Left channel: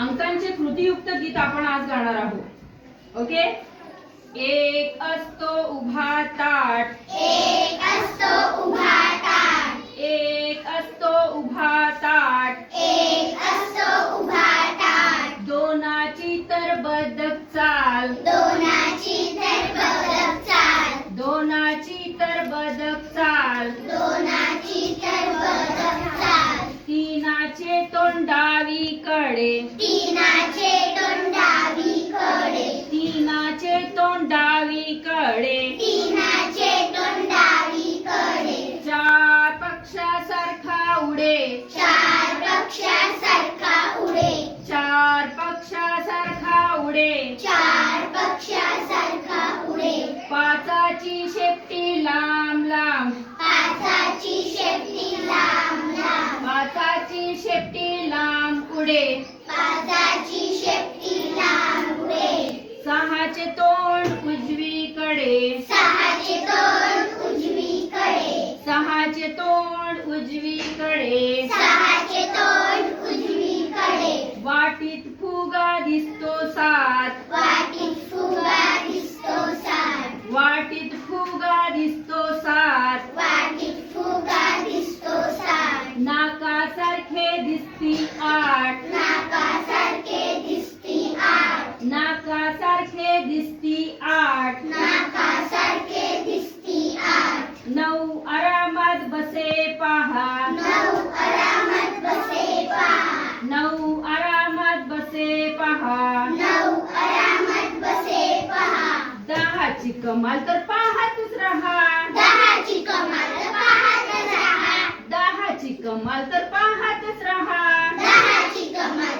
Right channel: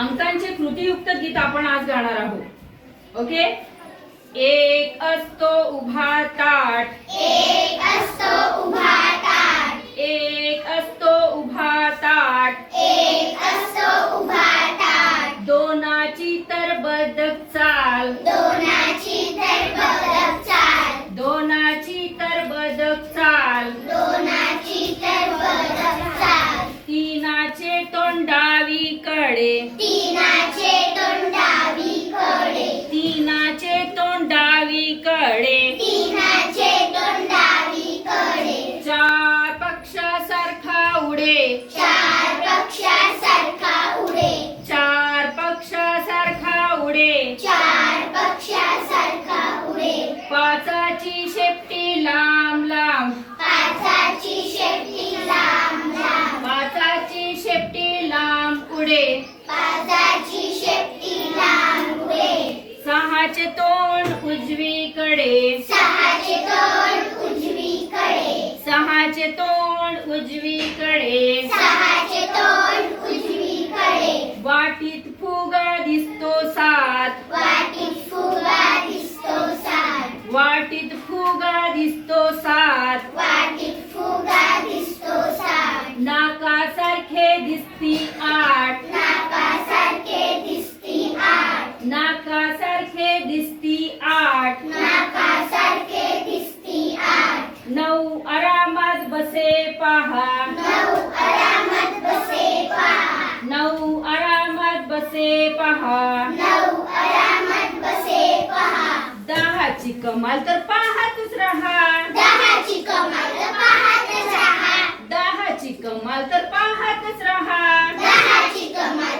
अंकांचे कृतीयुक्त गीत आपण आज गाणार आहोत. ओके. एक असतो उभा ताट, एक असतो उभा ताट, एक असतो उभा ताट, एक असतो उभा ताट, दोनाची तर बदक चाल, दोनाची तर बदक चाल, दोनाची तर बदक चाल, दोनाची तर बदक चाल, तीनाचे तोंड डावीकडे, तीनाचे तोंड डावीकडे, तीनाचे तोंड डावीकडे, तीनाचे तोंड डावीकडे, चार पक्षासारखा उडे, चार पक्षासारखा उडे, चार पक्षासारखा उडे, चार पक्षासारखा उडे, पाचाची शेपटी लांब लांब, पाचाची शेपटी लांब लांब, पाचाची शेपटी लांब उडे, पाचाची शेपटी लांब उडे, सहाचे तोंड उजवीकडे, सहाचे तोंड उजवीकडे, सहाचे तोंड उजवीकडे, सहाचे तोंड उजवीकडे, वाटीत फुगा दिसतो सात, वाटीत फुगा दिसतो सात, वाटीत फुगा दिसतो सात, वाटीत फुगा दिसतो सात, नाकासारखे दिसती आठ, नाकासारखे दिसती आठ, नाकासारखे दिसती आठ, नाकासारखे दिसती आठ, नऊ आरामात बसे पहा, नऊ आरामात बसे पहा, नऊ आरामात बसे पहा, नऊ आरामात बसे पहा, दहाची कमाल तर पाहतच राहा, दहाची कमाल पाहतच राहा, दहाची कमाल तर पाहतच राहा, दहाची कमाल